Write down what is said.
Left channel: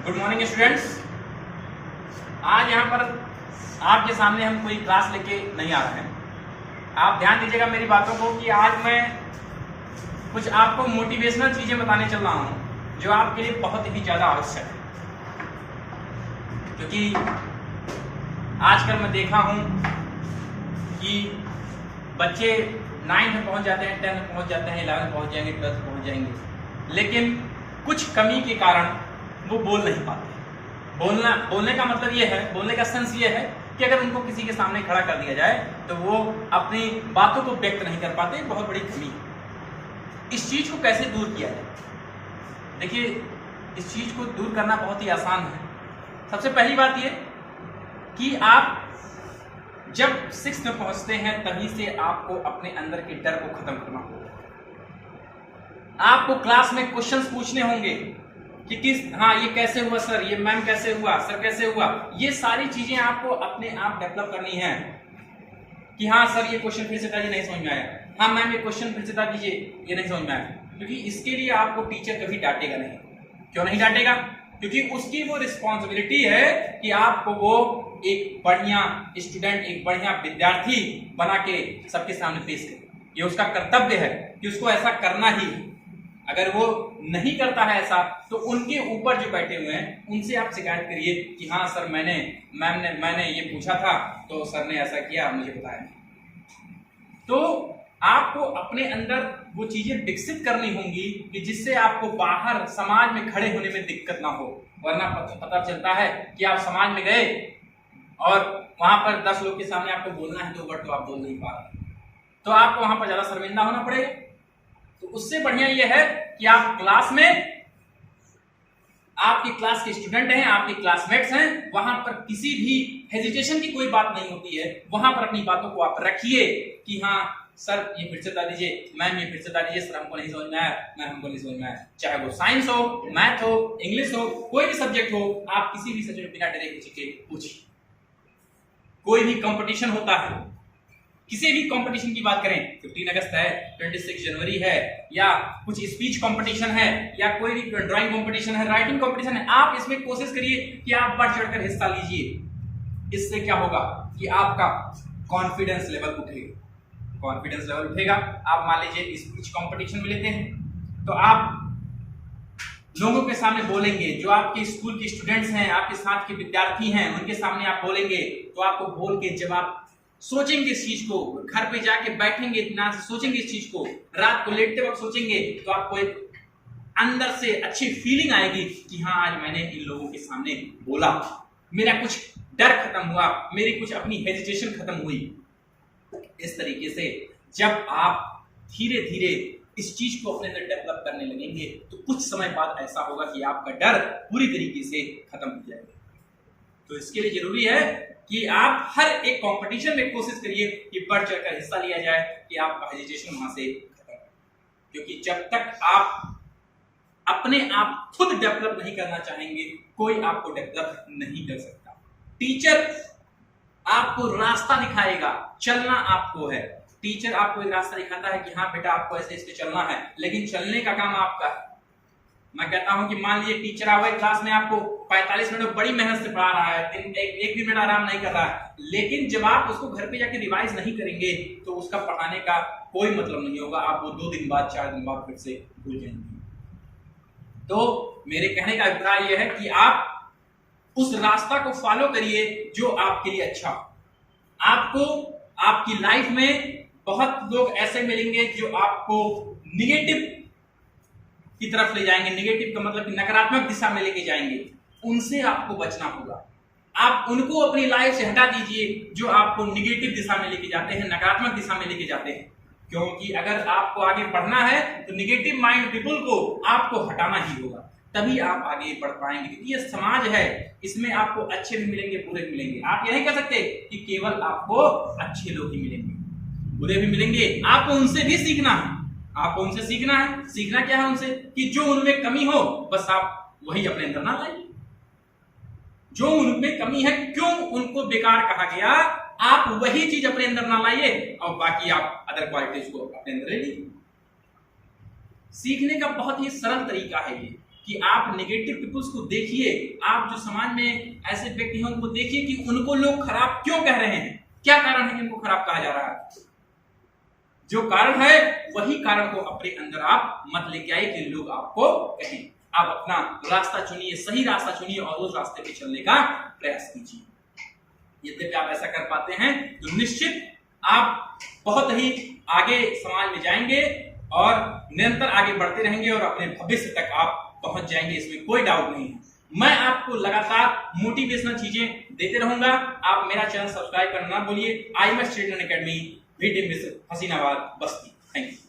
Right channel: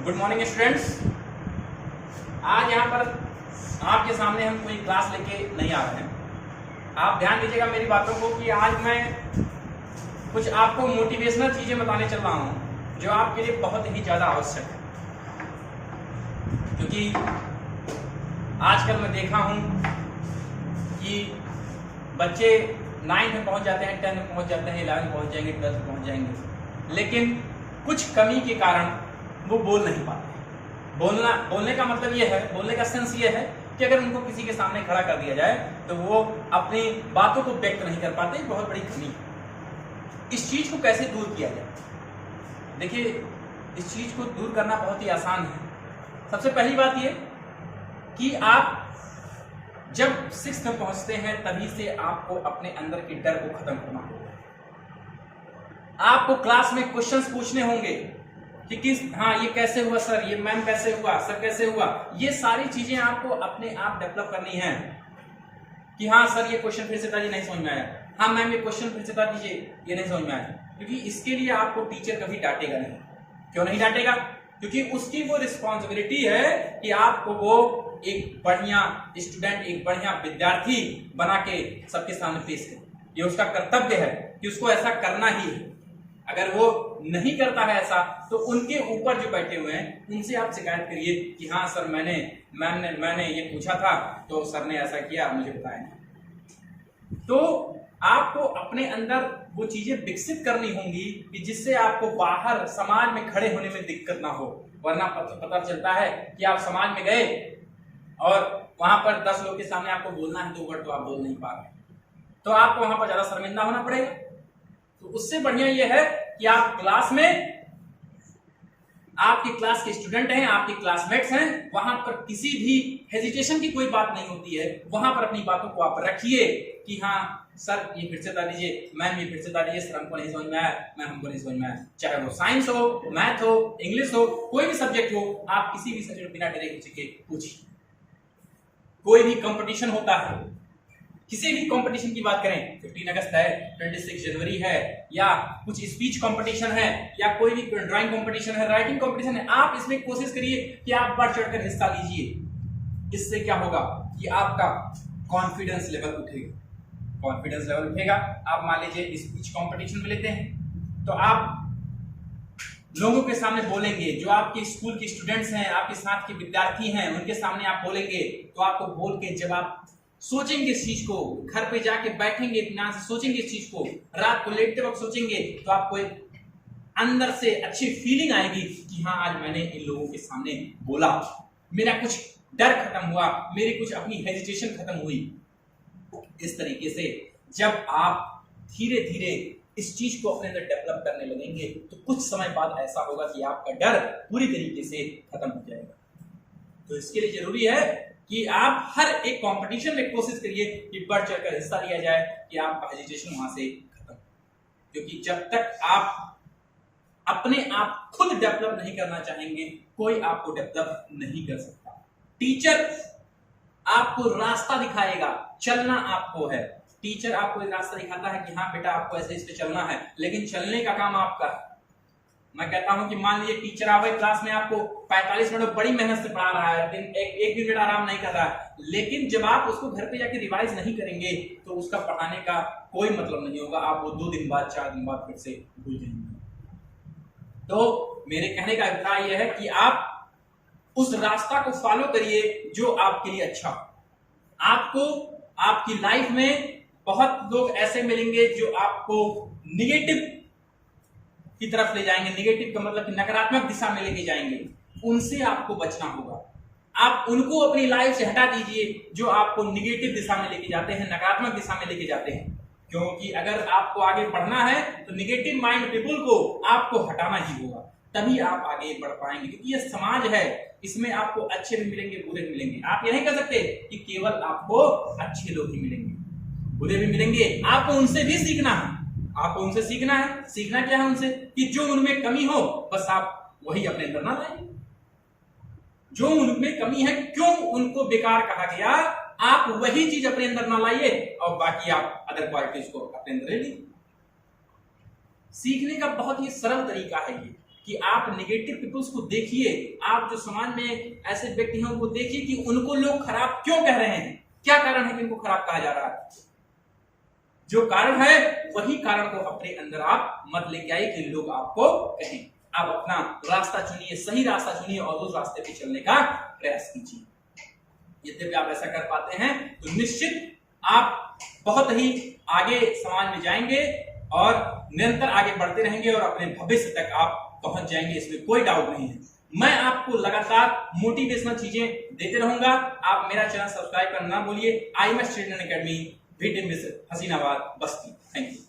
Good morning students. आज यहाँ पर आपके सामने हम कोई क्लास लेके नहीं आ रहे हैं। आप ध्यान दीजिएगा मेरी बातों को कि आज मैं कुछ आपको मोटिवेशनल चीजें बताने चल रहा हूँ जो आपके लिए बहुत ही ज्यादा आवश्यक है, क्योंकि आजकल मैं देखा हूँ कि बच्चे 9th में पहुंच जाते हैं, 10th में पहुंच जाते हैं, 11th में पहुंच जाएंगे, 12th में पहुंच जाएंगे, लेकिन कुछ कमी के कारण वो बोल नहीं पाते। बोलने का मतलब ये है, बोलने का सेंस ये है कि अगर उनको किसी के सामने खड़ा कर दिया जाए तो वो अपनी बातों को व्यक्त नहीं कर पाते। बहुत बड़ी कमी है। इस चीज को कैसे दूर किया जाए? देखिए, इस चीज को दूर करना बहुत ही आसान है। सबसे पहली बात ये कि आप जब 6th में पहुंचते हैं तभी से आपको अपने अंदर के डर को खत्म करना होगा। आपको क्लास में क्वेश्चंस पूछने होंगे कि ये कैसे हुआ सर, ये मैम कैसे हुआ, सर कैसे हुआ। ये सारी चीजें आपको अपने आप डेवलप करनी है कि हाँ सर ये क्वेश्चन फिर से था, ये नहीं समझ में आया, हाँ मैम ये क्वेश्चन फिर से था दीजिए, ये नहीं समझ में आया। क्योंकि इसके लिए आपको टीचर कभी डांटेगा नहीं। क्यों नहीं डांटेगा? क्योंकि उसकी वो रिस्पॉन्सिबिलिटी है कि आपको वो एक बढ़िया स्टूडेंट, एक बढ़िया विद्यार्थी बना के सबके सामने पेश करे। ये उसका कर्तव्य है कि उसको ऐसा करना ही है। अगर वो नहीं करता है ऐसा तो उनके ऊपर जो बैठे हुए हैं उनसे आप शिकायत करिए कि हाँ सर मैंने ये पूछा था तो सर ने ऐसा किया, मुझे बताया नहीं। तो आपको अपने अंदर वो चीजें विकसित करनी होंगी कि जिससे आपको बाहर समाज में खड़े होने में दिक्कत ना हो। वरना पता चलता है कि आप समाज में गए और वहां पर 10 लोग के सामने आपको बोलना है 2 वर्ड तो आप बोल नहीं पा रहे, तो आपको वहां पर ज्यादा शर्मिंदा होना पड़ेगा। तो उससे बढ़िया यह है कि आप क्लास में, आपकी क्लास के स्टूडेंट हैं, आपके क्लासमेट्स हैं, वहां पर किसी भी हेजिटेशन की कोई बात नहीं होती है। वहां पर अपनी बातों को आप रखिए कि हाँ सर ये फिर से बता दीजिए, मैम ये फिर से बता दीजिए, सर हमको नहीं समझ में आया, मैम हमको नहीं समझ में आया। चाहे वो साइंस हो, मैथ हो, इंग्लिश हो, कोई भी सब्जेक्ट हो, आप किसी भी सब्जेक्ट बिना डरे के पूछिए। कोई भी कंपटीशन होता है, किसी भी कंपटीशन की बात करें, 15 अगस्त है, 26 जनवरी है, या कुछ स्पीच कंपटीशन है, या कोई भी ड्राइंग कंपटीशन है, राइटिंग कंपटीशन है, आप इसमें कोशिश करिए कि आप बढ़ चढ़कर हिस्सा लीजिए। इससे क्या होगा कि आपका कॉन्फिडेंस लेवल उठेगा। कॉन्फिडेंस लेवल उठेगा। आप मान लीजिए स्पीच कंपटीशन में लेते हैं तो आप लोगों के सामने बोलेंगे, जो आपके स्कूल के स्टूडेंट्स हैं, आपके साथ के विद्यार्थी हैं, उनके सामने आप बोलेंगे। तो आपको बोल के जब आप सोचेंगे इस चीज को, घर पे जाके बैठेंगे, इत्मीनान से सोचेंगे इस चीज को, रात को लेटते वक्त सोचेंगे, तो आपको एक अंदर से अच्छी फीलिंग आएगी कि हाँ आज मैंने इन लोगों के सामने बोला, मेरा कुछ डर खत्म हुआ, मेरी कुछ अपनी हेजिटेशन खत्म हुई। इस तरीके से जब आप धीरे धीरे इस चीज को अपने अंदर डेवलप करने लगेंगे तो कुछ समय बाद ऐसा होगा कि आपका डर पूरी तरीके से खत्म हो जाएगा। तो इसके लिए जरूरी है कि आप हर एक कंपटीशन में कोशिश करिए कि बढ़ चढ़कर हिस्सा लिया जाए, कि आपका हेजिटेशन वहां से खत्म। क्योंकि जब तक आप अपने आप खुद डेवलप नहीं करना चाहेंगे, कोई आपको डेवलप नहीं कर सकता। टीचर आपको रास्ता दिखाएगा, चलना आपको है। टीचर आपको एक रास्ता दिखाता है कि हाँ बेटा आपको ऐसे इस पे चलना है, लेकिन चलने का काम आपका है। मैं कहता हूं कि मान लीजिए टीचर आवे क्लास में, आपको 45 मिनट बड़ी मेहनत से पढ़ा रहा है, एक भी मिनट आराम नहीं कर रहा है, लेकिन जब आप उसको घर पे जाके रिवाइज नहीं करेंगे तो उसका पढ़ाने का कोई मतलब नहीं होगा। आप वो 2 दिन बाद, 4 दिन बाद फिर से भूल जाएंगे। तो मेरे कहने का अभिप्राय यह है कि आप उस रास्ता को फॉलो करिए जो आपके लिए अच्छा। आपको आपकी लाइफ में बहुत लोग ऐसे मिलेंगे जो आपको निगेटिव की तरफ ले जाएंगे। निगेटिव का मतलब कि नकारात्मक दिशा में लेके जाएंगे। उनसे आपको बचना होगा। आप उनको अपनी लाइफ से हटा दीजिए जो आपको निगेटिव दिशा में लेके जाते हैं, नकारात्मक दिशा में लेके जाते हैं। क्योंकि अगर आपको आगे बढ़ना है तो निगेटिव माइंड पीपल को आपको हटाना ही होगा, तभी आप आगे बढ़ पाएंगे। क्योंकि ये समाज है, इसमें आपको अच्छे भी मिलेंगे, बुरे भी मिलेंगे। आप ये नहीं कह सकते कि केवल आपको अच्छे लोग ही मिलेंगे, बुरे भी मिलेंगे। आपको उनसे भी सीखना है। आपको उनसे सीखना है। सीखना क्या है उनसे? कि जो उनमें कमी हो बस आप वही अपने अंदर ना लाइए। जो उनमें कमी है, क्यों उनको बेकार कहा गया, आप वही चीज अपने अंदर ना लाइए और बाकी आप अदर क्वालिटीज को अपने अंदर ले लीजिए। सीखने का बहुत ही सरल तरीका है ये कि आप नेगेटिव पीपल्स को देखिए, आप जो समाज में ऐसे व्यक्ति हैं उनको देखिए कि उनको लोग खराब क्यों कह रहे हैं, क्या कारण है कि उनको खराब कहा जा रहा है। जो कारण है वही कारण को अपने अंदर आप मत लेके आइए कि लोग आपको कहें। आप अपना रास्ता चुनिए, सही रास्ता चुनिए और उस रास्ते पे चलने का प्रयास कीजिए। यदि आप ऐसा कर पाते हैं तो निश्चित आप बहुत ही आगे समाज में जाएंगे और निरंतर आगे बढ़ते रहेंगे और अपने भविष्य तक आप पहुंच जाएंगे, इसमें कोई डाउट नहीं है। मैं आपको लगातार मोटिवेशनल चीजें देते रहूंगा। आप मेरा चैनल सब्सक्राइब करना ना भूलिए। IMS ट्रेनिंग एकेडमी, VT मिस हसीनाबाद, बस्ती। Thank you.